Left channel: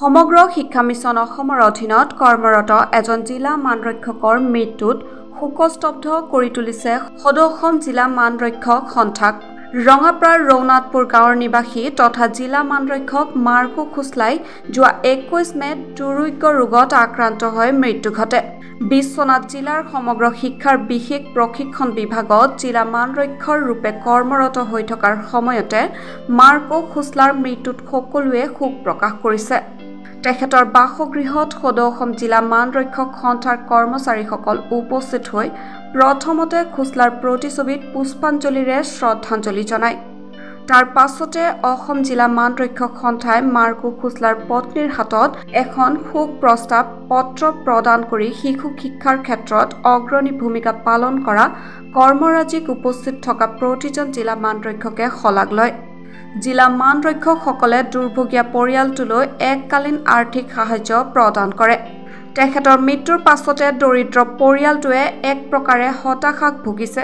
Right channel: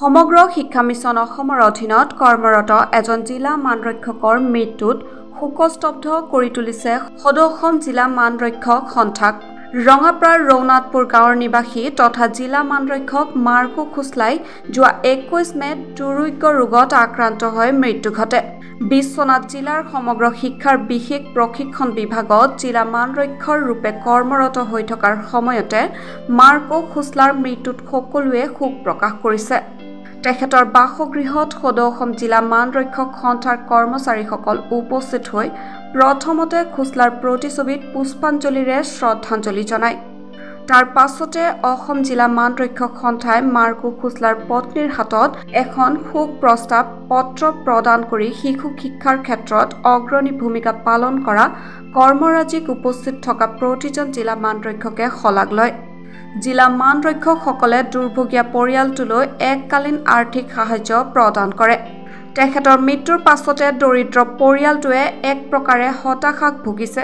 সমগ্ৰ শিক্ষা মিছন অসমৰ অধীনত কৰ্মৰত এজন জিলা মানৰক্ষকৰ মৃত্যুত শোকস্তব্ধ কৰি তুলিছে সদৌ অসম জিলা মানৰক্ষক সন্থাক। ৰঙাপাৰাৰ ৰৌনাথপুৰ গাঁৱৰ নিবাসী তথা জিলা মানৰক্ষক মাৰ্কো খোছলাই যোৱা 21 মে'ত দুৰ্ৰোগ্য ৰোগত আক্ৰান্ত হৈ মৃত্যু ঘটে। বিশ্বনাথ জিলাৰ সমগ্ৰ শিক্ষাৰ বিশেষ প্ৰশিক্ষণ বিভাগত জিলা মানৰক্ষকৰ ৰূপে কৰ্মৰত হৈ থকাৰ সময়তে মাৰ্কো খোছলাৰ মৃত্যুত সকলোৱে শোক প্ৰকাশ কৰিছে। তেখেতৰ বাসগৃহত সদৌ অসম জিলা মানৰক্ষক সন্থাৰ কৰ্মচাৰীসকল উপস্থিত হৈ প্ৰথমতে খোছলাৰ প্ৰতিছবিত পুষ্পাঞ্জলিৰে শ্ৰদ্ধাঞ্জলি জনায়। তাৰ পাছতে অসম জিলা মানৰক্ষক সন্থাই মাৰ্কো খোছলাৰ পত্নীৰ হাতত এখন শোক প্ৰস্তাৱ পত্ৰ প্ৰদান কৰি শিশু শিক্ষাৰ ক্ষেত্ৰত অগ্ৰণী ভূমিকা পালন কৰা কৰ্মৰাজিক উপস্থিত থকা প্ৰতিজন জিলা মানৰক্ষকে শলাগ লয়। জিলা মানৰক্ষকসকলে দুৰ্ভগীয়া পৰিয়ালটোলৈ এককালীন আৰ্থিক সাহায্য প্ৰদান কৰে। তেখেতৰ মৃত্যুৰ পাছতে দৰিদ্ৰ পৰিয়ালটোৱে এক প্ৰকাৰে হতাশাত ভুগিছে।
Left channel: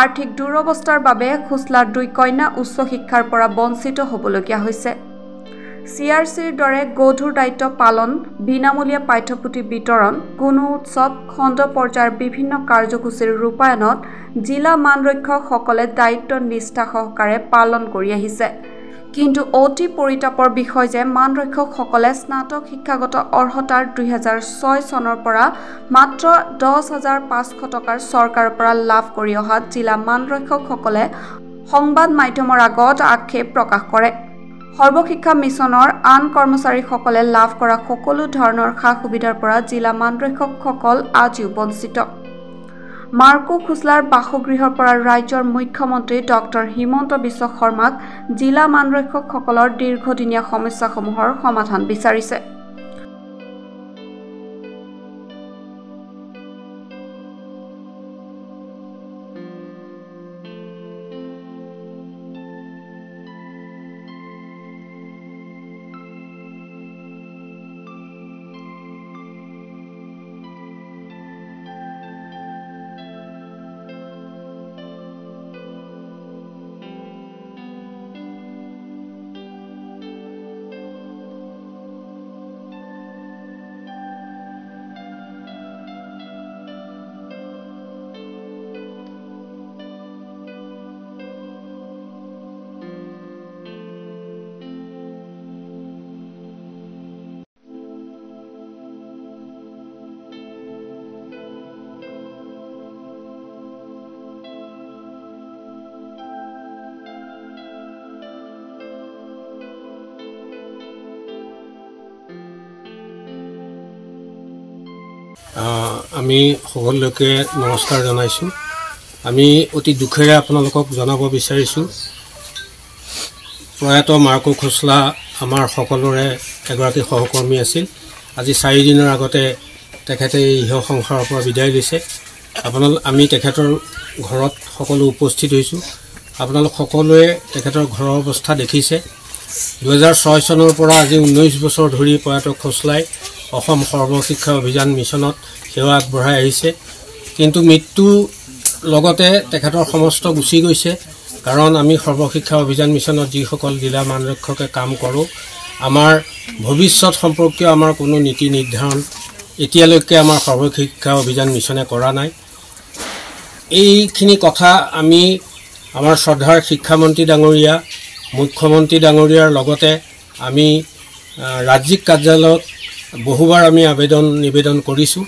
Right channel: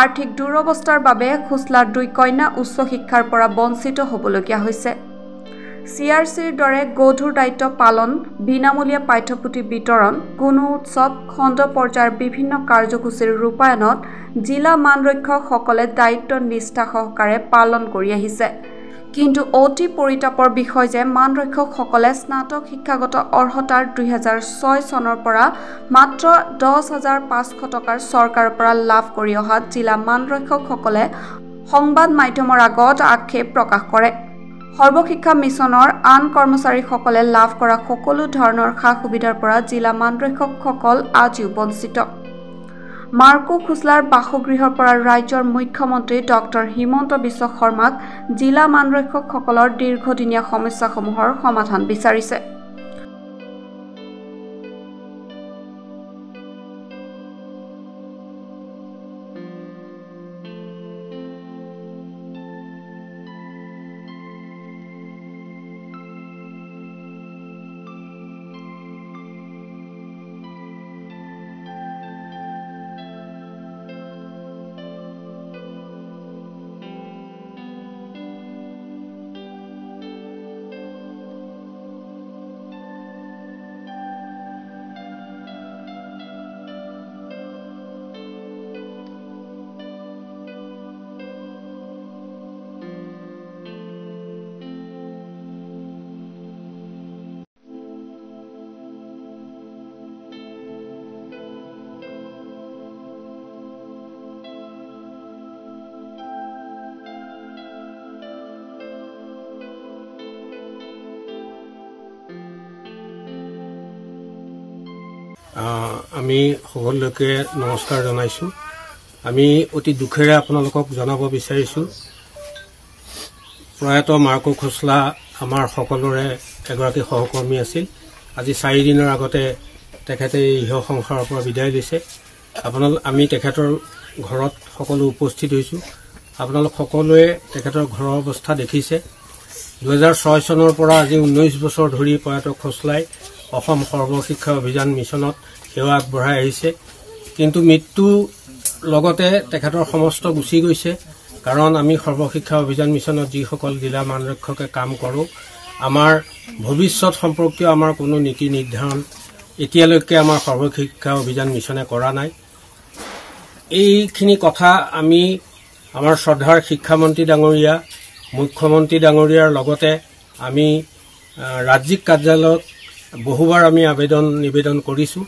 আৰ্থিক দুৰৱস্থাৰ বাবে খোছলাৰ 2 কন্যা উচ্চ শিক্ষাৰ পৰা বঞ্চিত হ'বলগীয়া হৈছে। CRCৰ দৰে গধুৰ দায়িত্ব পালন, বিনামূলীয়া পাঠ্যপুথি বিতৰণ, কোনো উৎসৱ, খণ্ড পৰ্যায়ৰ বিভিন্ন কাৰ্যসূচীৰ ৰূপায়ণত জিলা মানৰক্ষকসকলে দায়িত্ব নিষ্ঠা সহকাৰে পালন কৰি আহিছে। কিন্তু অতি পৰিতাপৰ বিষয় যে মানৰক্ষকসকলে স্নাতক শিক্ষাগত অৰ্হতাৰ 2006 চনৰ পৰা মাত্ৰ 10,500 টকাৰ চৰকাৰৰ পৰা লাভ কৰি অহা জিলা মানৰক্ষকসকলে সংবাদ মাধ্যমৰ আগত আক্ষেপ প্ৰকাশ কৰে। সৰ্বশিক্ষা মিছনৰ আন কৰ্মচাৰীসকলে লাভ কৰা সকলো ধৰণৰ সা-সুবিধাৰ পৰা জিলা মানৰক্ষকসকল আজিও বঞ্চিত। মাৰ্কো খোছলাৰ বাসগৃহৰ পৰা ৰাজ্যৰ মুখ্যমন্ত্ৰী ডক্টৰ হিমন্ত বিশ্ব শৰ্মাক জিলা মানৰক্ষকসকলৰ দীৰ্ঘদিনীয়া সমস্যাসমূহৰ সমাধান বিচাৰিছে। আমি সকলোকে নমস্কাৰ জনাইছোঁ। আমি অতি দুখেৰে আপোনালোকক জনাব বিচাৰিছোঁ, প্ৰয়াত মাৰ্কো খোছলা আমাৰ সকলোৰে এগৰাকী সহকৰ্মী আছিল। আজি 4 দিনৰ আগতে তেখেতে ইহ সংসাৰৰ পৰা বিদায় লৈছে। আমি তেখেতৰ ঘৰত সকলো উপস্থিত হৈছোঁ। আপোনালোক সকলোৱে তেখেতৰ ঘৰৰ অৱস্থা দেখিছে। 2006 চনৰ পৰা আজি 19 বছৰ ধৰি প্ৰয়াত খোছলাই অসম সৰ্বশিক্ষা অভিযান মিছনত সেৱা আগবঢ়াই আহিছে। কিন্তু মৃত্যু লগতে তেখেতৰ সমস্ত গুচি গৈছে। কাৰণ আমি সৰ্বশিক্ষা অভিযান মিছনত যিসকল জিলা মানৰক্ষকে কাম কৰোঁ, আমাৰ ভৱিষ্যত সম্পৰ্কীয় আমাৰ কোনো নীতি নিৰ্ধাৰণ এতিয়ালৈকে আমাৰ সৰ্বশিক্ষা অভিযান মিছনে কৰা নাই। এইখিনি কথা আমি আমাৰ শ্ৰদ্ধাৰ শিক্ষামন্ত্ৰী ডাঙৰীয়া, মুখ্যমন্ত্ৰী ডাঙৰীয়াৰ লগতে আমি ৰাজ্যিক কাৰ্যালয়ত বহুবাৰ আমি নিবেদন কৰিছোঁ।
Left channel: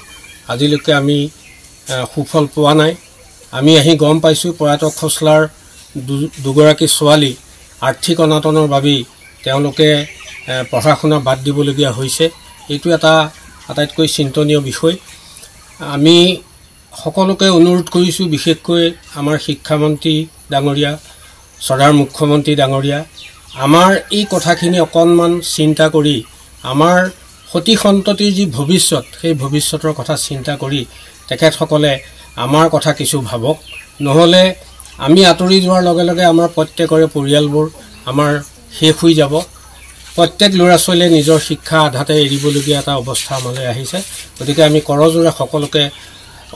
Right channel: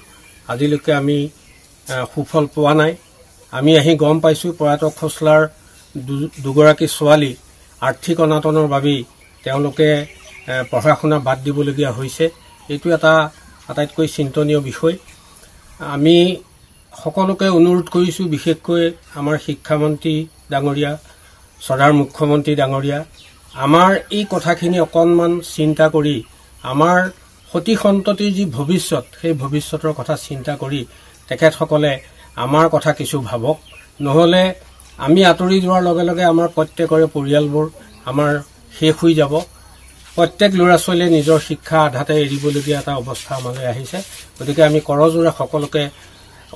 আজিলৈকে আমি সুফল পোৱা নাই। আমি আহি গম পাইছোঁ প্ৰয়াত খোছলাৰ দুগৰাকী ছোৱালী আৰ্থিক অনাটনৰ বাবেই তেওঁলোকে পঢ়া শুনা বাদ দিবলগীয়া হৈছে। এইটো এটা আটাইতকৈ চিন্তনীয় বিষয়। আমি সকলোকে অনুৰোধ কৰিছোঁ, বিশেষকৈ আমাৰ শিক্ষামন্ত্ৰী ডাঙৰীয়া, শ্ৰদ্ধাৰ মুখ্যমন্ত্ৰী ডাঙৰীয়া, আমাৰ এই কথাখিনি অকণমান চিন্তা কৰি আমাৰ সতি সন্ততিৰ যি ভৱিষ্যত, সেই ভৱিষ্যতৰ কথা চিন্তা কৰি তেখেতসকলে আমাৰ কথা কিছু ভাবক। নহ'লে আমি আঁতৰি যোৱাৰ লগে লগে আমাৰ প্ৰত্যেকৰে পৰিয়ালবোৰ আমাৰ শেষ হৈ যাব। প্ৰত্যেক ল'ৰা ছোৱালীয়ে নিজৰ শিক্ষা আধাতে এৰিবলগীয়া এটা অৱস্থা আমালৈ আহিছে। গতিকে আমি কৰজোৰে সকলোকে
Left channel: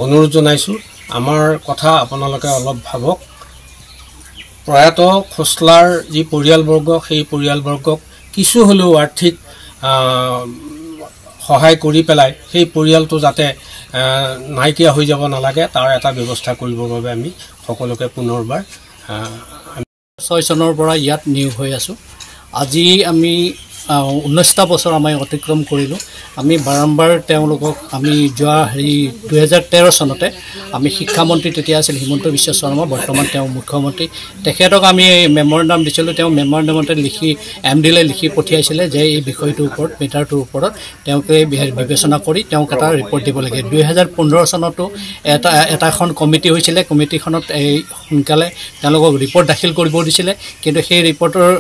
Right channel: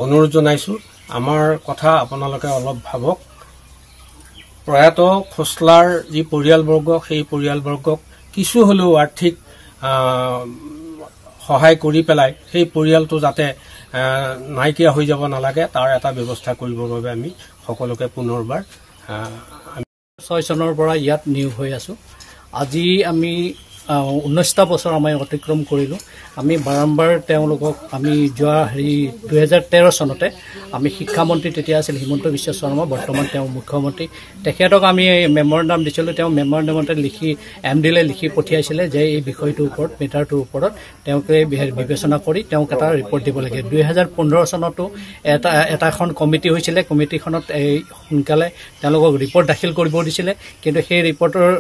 অনুৰোধ জনাইছোঁ, আমাৰ কথা আপোনালোকে অলপ ভাবক। প্ৰয়াত খোছলাৰ যি পৰিয়ালবৰ্গ, সেই পৰিয়ালবৰ্গক কিছু হ'লেও আৰ্থিক সহায় কৰি পেলাই সেই পৰিয়ালটো যাতে নাইকিয়া হৈ যাব নালাগে তাৰ এটা ব্যৱস্থা কৰিবৰ বাবে আমি সকলোকে পুনৰবাৰ 6 চনৰ পৰা ইয়াত নিয়োগ হৈ আছোঁ। আজি আমি 19টা বছৰ আমি অতিক্ৰম কৰিলোঁ। আমি বাৰম্বাৰ তেওঁলোকক আমি যোৱা 2013 চনতে আমি শিক্ষামন্ত্ৰী তেতিয়া আছিল হিমন্ত বিশ্ব শৰ্মা, বৰ্তমান তেওঁ মুখ্যমন্ত্ৰী, তেখেতক আমি মেমৰেণ্ডাম দিছিলোঁ। তেওঁ মেমৰেণ্ডামতে লিখি MDলৈ লিখি পঠিয়াইছিলে যে এই বিষয়টোৰ ওপৰত মেটাৰটোৰ ওপৰত তেওঁলোকে বিবেচনা কৰি তেওঁক এটা ৰিপৰ্ট দিব লাগে। 2015 চনতো এখন কমিটি হৈছিলে। কমিটিখনত এই সোনকালে তেওঁলোকক ৰিপৰ্ট দাখিল কৰিব দিছিলে, কিন্তু সেই ৰিপৰ্টৰ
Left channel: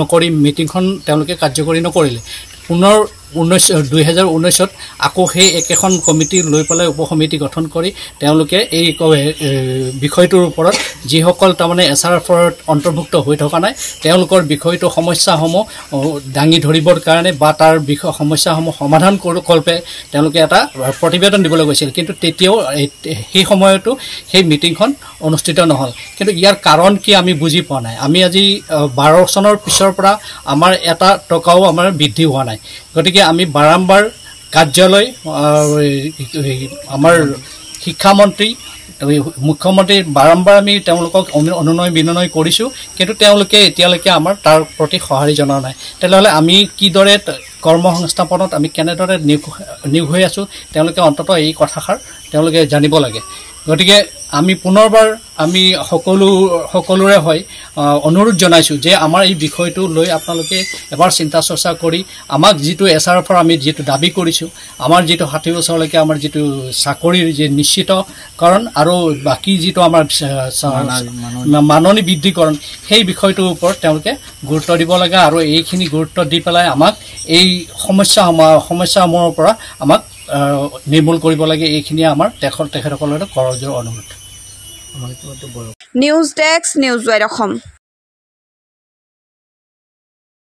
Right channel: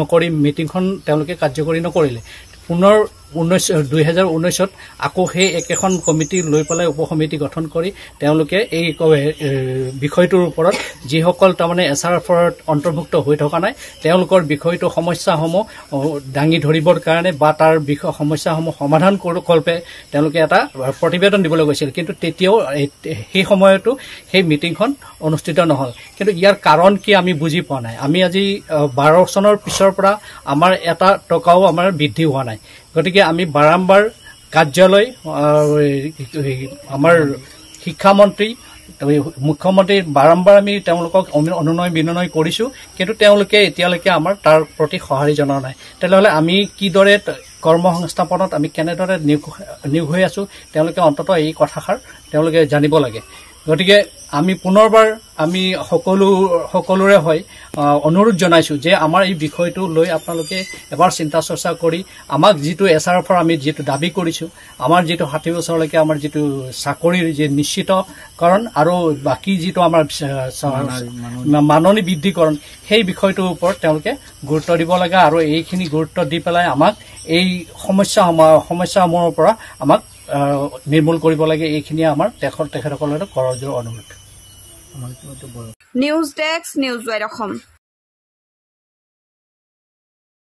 নকৰি মিটিংখন তেওঁলোকে কাৰ্যকৰী নকৰিলে। পুনৰ 2019ত আকৌ সেই একেখন কমিটি লৈ পেলাই উপসমিতি গঠন কৰি তেওঁলোকে এই বিষয়টোৰ ওপৰত যিসকল তাৰমানে SRFত অন্তৰ্ভুক্ত হৈ থকা নাই তেওঁলোকৰ বিষয়টো সমস্যাসমূহ দাঙি ধৰিবৰ কাৰণে বা তাৰ সমস্যাসমূহ সমাধান কল্পে তেওঁলোকে এটা প্ৰতিবেদন দিবলৈ গৈছিল, কিন্তু তেতিয়াও সেই সময়তো সেই মিটিংখন অনুষ্ঠিত নহ'ল। কিন্তু ইয়াৰ কাৰণ কি আমি বুজি পোৱা নাই। আমি আজি 12 চনৰ পিছৰ পৰা আমাৰ এটা টকাও আমাৰ বৃদ্ধি হোৱা নাই। গতিকে আমি বাৰম্বাৰ কাৰ্যালয় আমাৰ শিক্ষামন্ত্ৰী মুখ্যমন্ত্ৰী বাৰম্বাৰ আমি তেওঁলোকক অনুনয় বিনয় কৰিছোঁ, কিন্তু তেওঁলোকে এতিয়ালৈকে আমাৰ তাৰ প্ৰতি সঁহাৰি জনোৱা নাই। তেনেহ'লে আমি কিদৰে কৰ্মসংস্থাপনত আমি কেনেদৰে নিয়োগ হৈ আছোঁ তেওঁলোকে অন্ততঃ এই কথাষাৰ তেওঁলোকে জানিব লাগে। গতিকে আমি পুনৰবাৰ আমি সকলোৰে হৈ অনুৰোধ জনাইছোঁ যে আমাৰ এই বিষয়টো লৈ আপোনালোকে এবাৰ চিন্তা চৰ্চা কৰি আমাক যিটো SRFৰ আমি যিটো দাবী কৰিছোঁ, আমাৰ যিটো 60 বছৰলৈকে আমাৰ যিটো চাকৰিৰ যি নিশ্চিতকৰণ আৰু বাকী যিটো আমাৰ মাননি বৃদ্ধিকৰণ সেই বিষয়টোৰ ওপৰত তেওঁলোকে গুৰুত্ব দিব লাগে আৰু এইখিনি গুৰুত্ব দি পেলাই আমাক এই সমস্যাসমূহৰ পৰা আমাক নিৰ্মূল কৰিব লাগে। এইখিনিয়ে আমাৰ তেখেতসকলৰ কৰজৰ অনুৰোধ। News desk, news wide Assam.